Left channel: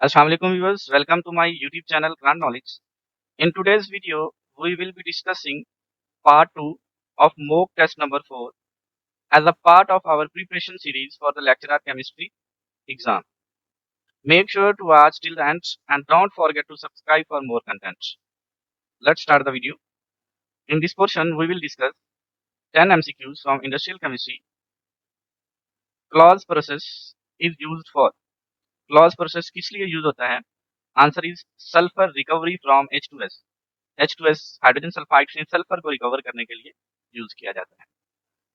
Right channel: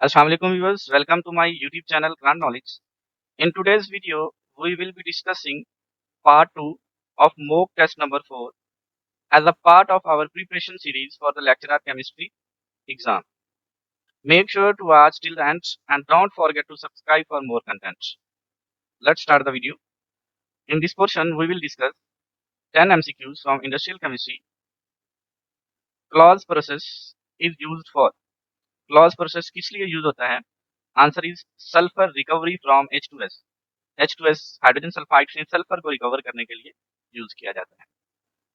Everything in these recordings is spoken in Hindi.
Assalamualaikum viewers, welcome to my YouTube channel Grand Knowledge. In today's video, we will be discussing part 2 of mock test number 4 as a part of our preparation series for the lecturer chemistry exam. Make sure to watch till the end and don't forget to subscribe for more content. Let's start the video. In this portion, we will discuss 10 MCQs from industrial chemistry. Clause process is used for. Clause process किस लिए यूज होता है? Answer is sulphur recovery from H2S. H2S hydrogen sulphide से सल्फर को रिकवर करने के लिए यूज किया जाता है.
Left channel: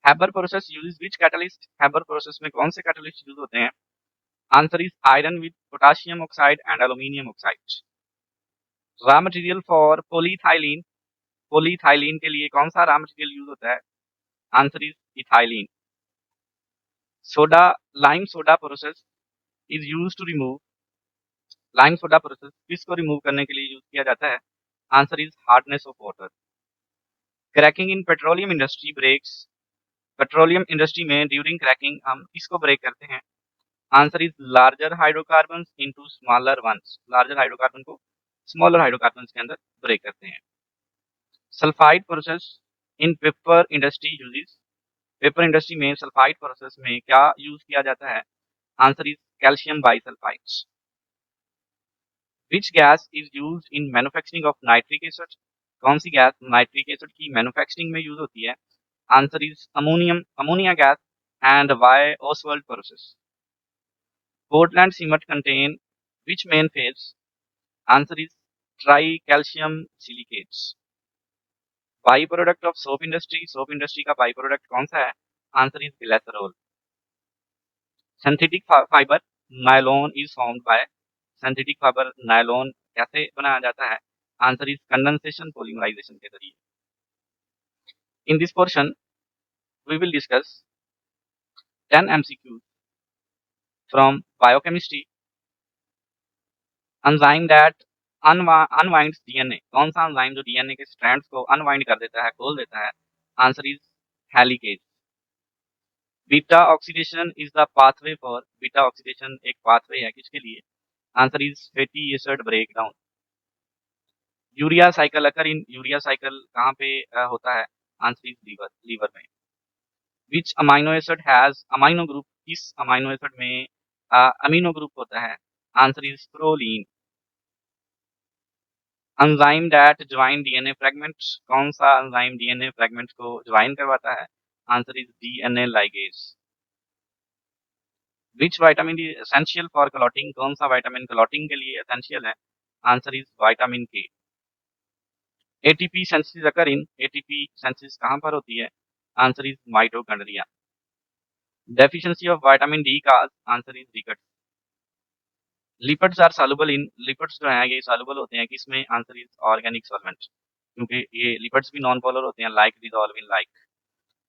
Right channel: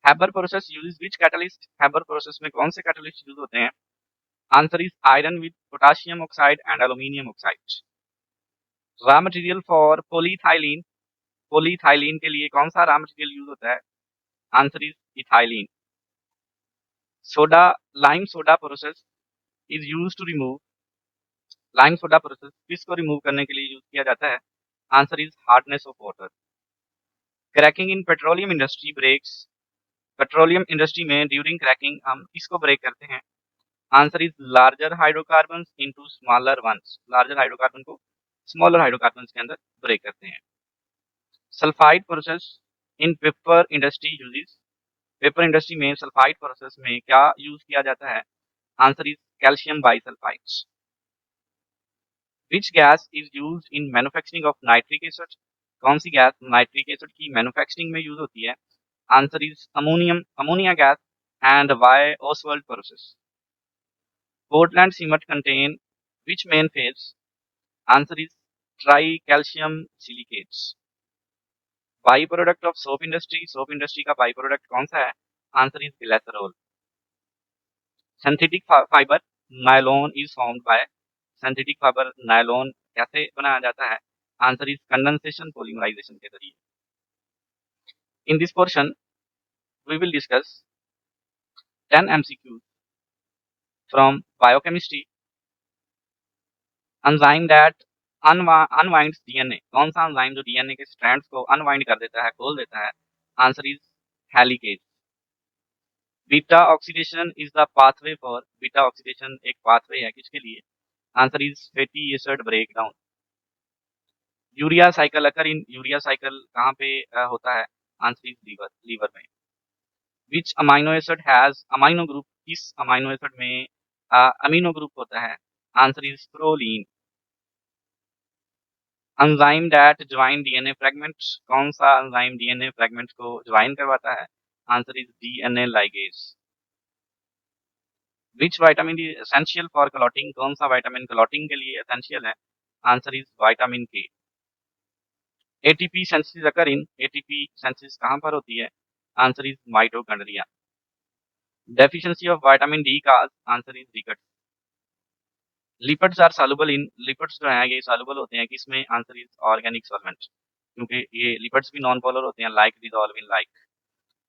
Haber process use which catalyst? Haber process में कौन से कैटलिस्ट यूज होते हैं? Answer is iron with potassium oxide and aluminium oxide. Raw material for polyethylene. Polyethylene के लिए कौन सा रॉ मटेरियल यूज होता है? Answer is ethylene. Soda lime soda process is use to remove. Lime soda process किसको रिमूव करने के लिए यूज किया जाता है? Answer is hardness of water. Cracking in petroleum industry breaks. Petroleum industry में ड्यूरिंग क्रैकिंग हम किसको ब्रेक करते हैं? Answer is larger hydrocarbons into smaller ones. Larger hydrocarbon को स्मॉलर हाइड्रोकार्बन्स के अंदर ब्रेक करते हैं. Sulphide process in paper industry uses. Paper industry में सल्फाइड प्रोसेस में क्या यूज किया जाता है? Answer is calcium bisulphide. Which gas is use in manufacturing of nitric acid. कौन सी गैस नाइट्रिक एसिड की मैन्युफैक्चरिंग में यूज होती है? Answer is ammonia gas. And by Ostwald process. Portland cement contain which main phase? Answer is tricalcium silicates. Byproduct of soap industry. Soap industry का byproduct कौन सा है? Answer is glycerol. Synthetic fiber nylon is formed by. Synthetic fiber nylon कैसे बनाया जाता है? Answer is condensation polymerization के जरिए. In this portion, we will discuss 10 MCQs from biochemistry. Enzyme that unwinds DNA. कौन सा एंजाइम जो डीएनए के स्ट्रैंड्स को अनवाइंड कर देता है, खोल देता है? Answer is helicase. Beta oxidation is the pathway for. Beta oxidation एक पाथवे है किसके लिए? Answer is fatty acid breakdown. Urea cycle occur in. Urea cycle कहाँ पे होता है? आंसर इज लीवर में. Which amino acid has amino group. किस अमाइनो एसिड में अमीनो ग्रुप होता है? Answer is proline. Enzyme that join DNA fragments. कौन सा एंजाइम डीएनए फ्रेगमेंट्स को ज्वाइन करवाता है? Answer is DNA ligase. Which vitamin D essential for clotting. कौन सा विटामिन क्लॉटिंग के लिए एसेंशियल है? Answer is vitamin K. ATP synthesis occur in. ATP synthesis कहाँ पर होती है? Answer is mitochondria. Deficiency of vitamin D का answer is rickets. Lipids are soluble in. Lipids जो है ये सॉल्युबल होते हैं किसमें? Answer is organic solvent. क्योंकि ये लिपिड्स भी नॉन पोलर होते हैं like dissolve in.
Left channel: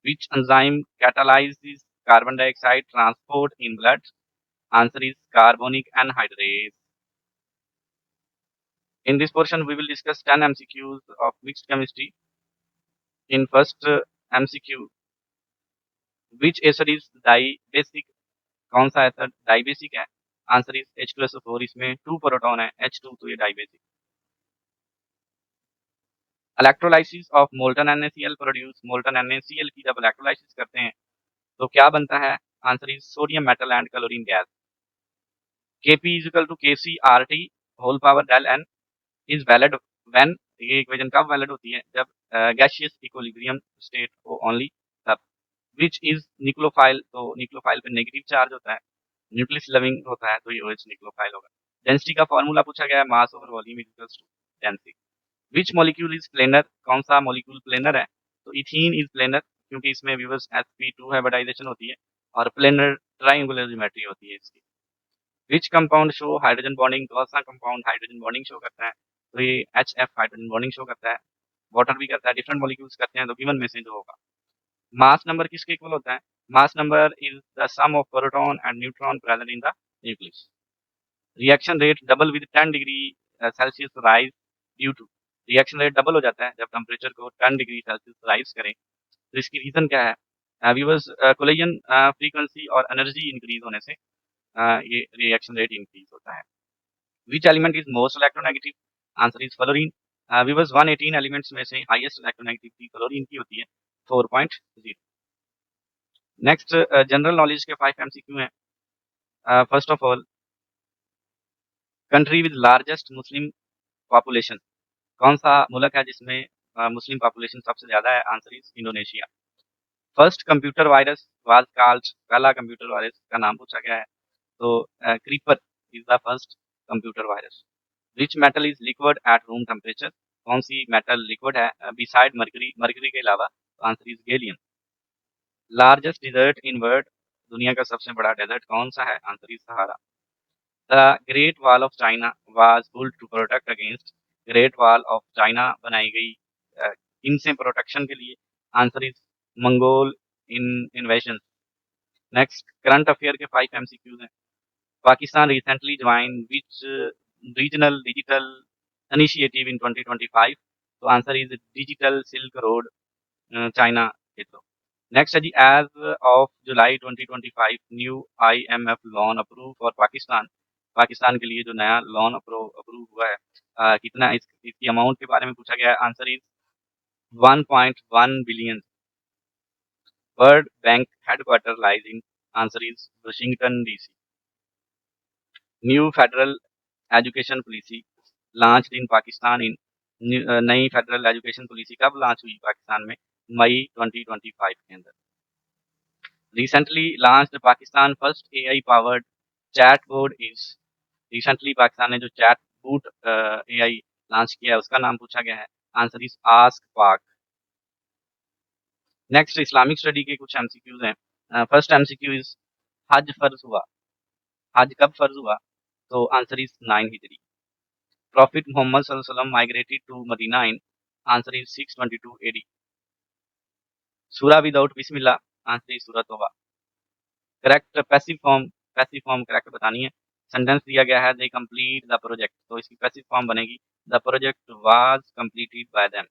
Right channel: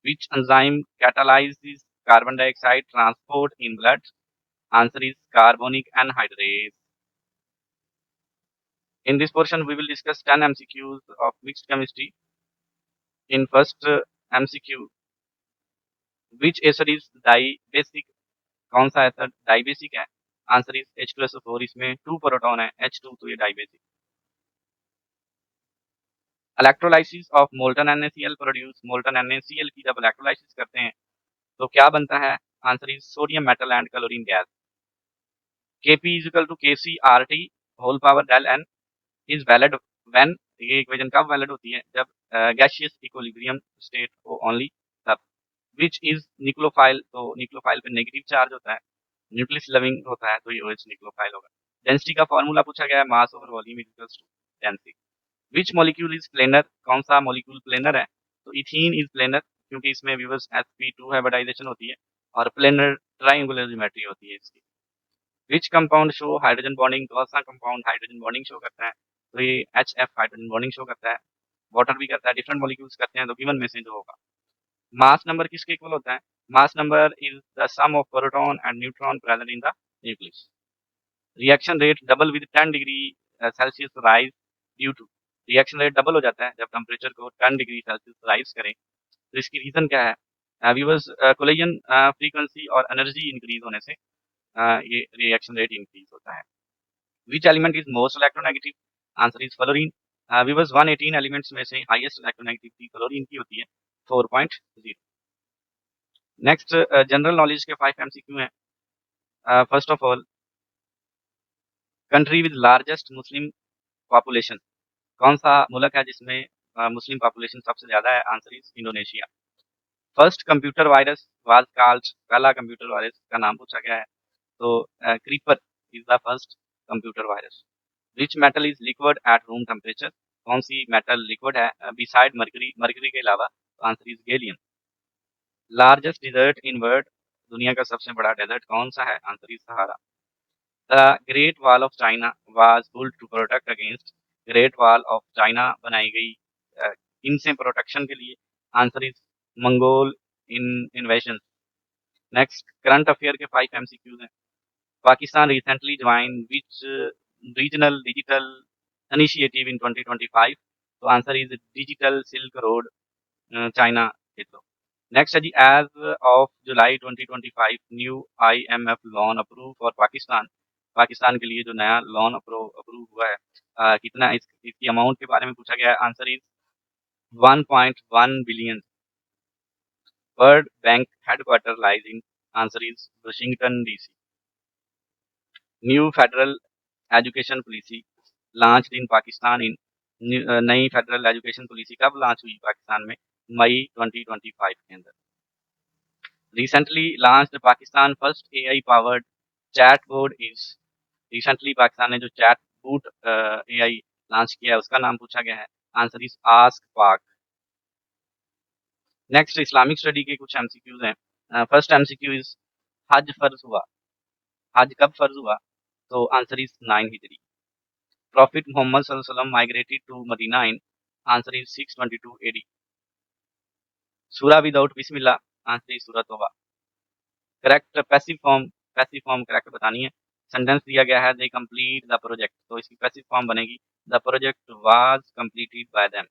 Which enzyme catalyzes carbon dioxide transport in blood? Answer is carbonic anhydrase. In this portion, we will discuss 10 MCQs of mixed chemistry. In first MCQ, which acid is dibasic? कौन सा एसिड डाइबेसिक है? Answer is H2SO4. इसमें 2 प्रोटॉन है, H2, तो ये dibasic. Electrolysis of molten NaCl produce. Molten NaCl की जब इलेक्ट्रोलाइसिस करते हैं तो क्या बनता है? Answer is sodium metal and chlorine gas. Kp is equal to KCRT whole power del n is valid when. ये इक्वेशन कब वैलिड होती है? जब गैसियस इक्विलिब्रियम स्टेट हो ओनली तब. Which is nucleophile. तो निक्लोफाइल पे नेगेटिव चार्ज होता है, न्यूक्लियस लविंग होता है, तो ये OH निक्लोफाइल होगा. डेंसिटी का फॉर्मूला पूछा गया है, mass over volume equals to density. Which molecule is planar. कौन सा मॉलिक्यूल प्लेनर है? तो इथीन इज प्लेनर क्योंकि इसमें व्यूअर्स sp2 हाइब्रिडाइजेशन होती है और प्लेनर ट्रायंगुलर ज्योमेट्री होती है इसकी. Which compound show hydrogen bonding. कौन सा कंपाउंड हाइड्रोजन बॉन्डिंग शो करता है? तो ये HF हाइड्रोजन बॉन्डिंग शो करता है. वाटर भी करता है, डिफरेंट मॉलिक्यूल्स करते हैं, तो गिवन में से जो होगा. मास नंबर किसके इक्वल होता है? Mass number is the sum of proton and neutron present in the nucleus. Reaction rate double with 10 degree Celsius rise due to. Reaction rate double हो जाता है जब टेम्परेचर को 10 डिग्री सेल्सियस राइज करें. तो इसकी रीजन क्या है? व्यूअर्स कोलिजन फ्रीक्वेंसी और एनर्जी इंक्रीज होने से ये रिएक्शन रेट इंक्रीज होता है. Which element is most electronegative? Answer is fluorine. Weavers 118 elements में से हाईएस्ट इलेक्ट्रोनेगेटिविटी फ्लोरीन की होती है 4.0। नेक्स्ट जनरल नॉलेज के 5 एमसीक्यू हैं। First of all, country with largest Muslim population, कौन सा मुल्क है जिसमें मुस्लिम पॉपुलेशन सबसे ज्यादा है? Answer is Indonesia. First computer virus was called, पहला कंप्यूटर वायरस का नाम पूछा गया है, तो creeper is the first computer virus. Which metal is liquid at room temperature, कौन सी मेटल लिक्विड है बिसाइड मरकरी, मरकरी के अलावा? Answer is gallium. Largest desert in world, दुनिया का सबसे बड़ा डेजर्ट कौन सा है? Answer is Sahara. The Great wall of China was built to protect against, great wall of China बनाई गई इनसे प्रोटेक्शन के लिए? Answer is Mongol in invasion. Next current affair के 5 एमसीक्यूज हैं। Pakistan recently join which regional digital initiative in 2025? तो answer is digital silk road, China के थ्रू। नेक्स्ट है जी, as of July 2025 new IMF loan approve for Pakistan, Pakistan के लिए जो नया लोन अप्रूव हुआ है, कितना इसकी अमाउंट के बारे में पूछा गया है? Answer is 1.1 billion. World bank headquarter lies in, answer is Washington DC. New federal education policy launch in Pakistan in, नई फेडरल एजुकेशन पॉलिसी कब लॉन्च हुई पाकिस्तान में? मई 2025 के अंदर। Recently launched Pakistan first AI powered chat board is, recently Pakistan ने जो चैट बूट एआई लॉन्च किया है उसका नाम पूछा गया है? आंसर इज आस्क पाक। नेक्स्ट इस्लामिक स्टडी के कुछ एमसीक्यूज हैं। फर्स्ट एमसीक्यू इज, हज फर्ज हुआ, हज कब फर्ज हुआ? तो आंसर इज 9 हिजरी। प्रॉफिट मोहम्मद सल्लल्लाहु अलैहि वसल्लम migrated to Medina in, answer is 622 AD. सूरा विदाउट बिस्मिल्लाह, आंसर इज सूरत तौबा। करेक्ट पैसिव फॉर्म करेक्ट बतानी है। सेंटेंस दिया गया है दे कंप्लीट द प्रोजेक्ट, तो इसकी पैसिव फॉर्म बनेगी the project was completed by them.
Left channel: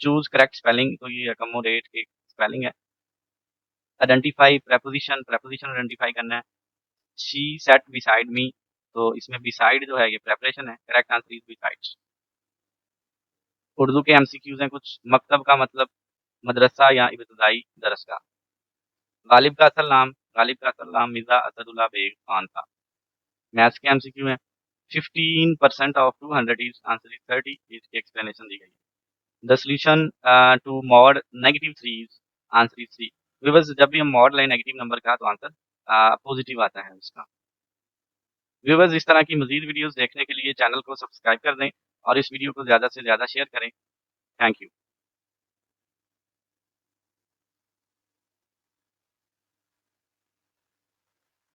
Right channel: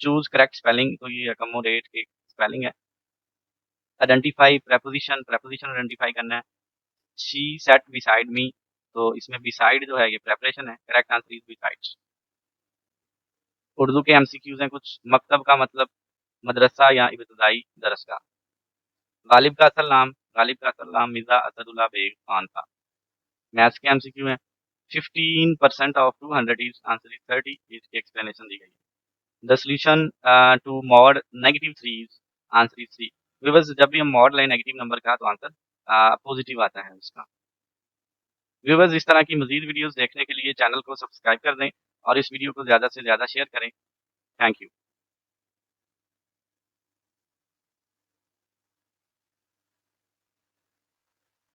Choose correct spelling, तो ये अकोमोडेट की स्पेलिंग है। आइडेंटिफाई प्रेपोजिशन, प्रेपोजिशन आइडेंटिफाई करना है। शी सेट बिसाइड मी, तो इसमें बिसाइड जो है ये प्रेपरेशन है, correct answer is beside. Urdu के एमसीक्यूज हैं कुछ। मकतब का मतलब मदरसा या इब्तदाई दरसगाह। गालिब का असल नाम, गालिब का असल नाम मिर्जा असदुल्ला बेग खान था। मैथ्स के एमसीक्यू में 15% ऑफ 200 इज, आंसर इज 30, इसकी एक्सप्लेनेशन दी गई है। The solution to mod -3 is, answer is 3। Viewers, जब भी हम मॉड लाइन नेगेटिव नंबर का तो आंसर पॉजिटिव आता है उसका। व्यूअर्स, इस तरह की मजीद वीडियोस देखने के लिए चैनल को सब्सक्राइब कर दें और इस वीडियो को ज़्यादा से ज़्यादा शेयर करें। Thank you.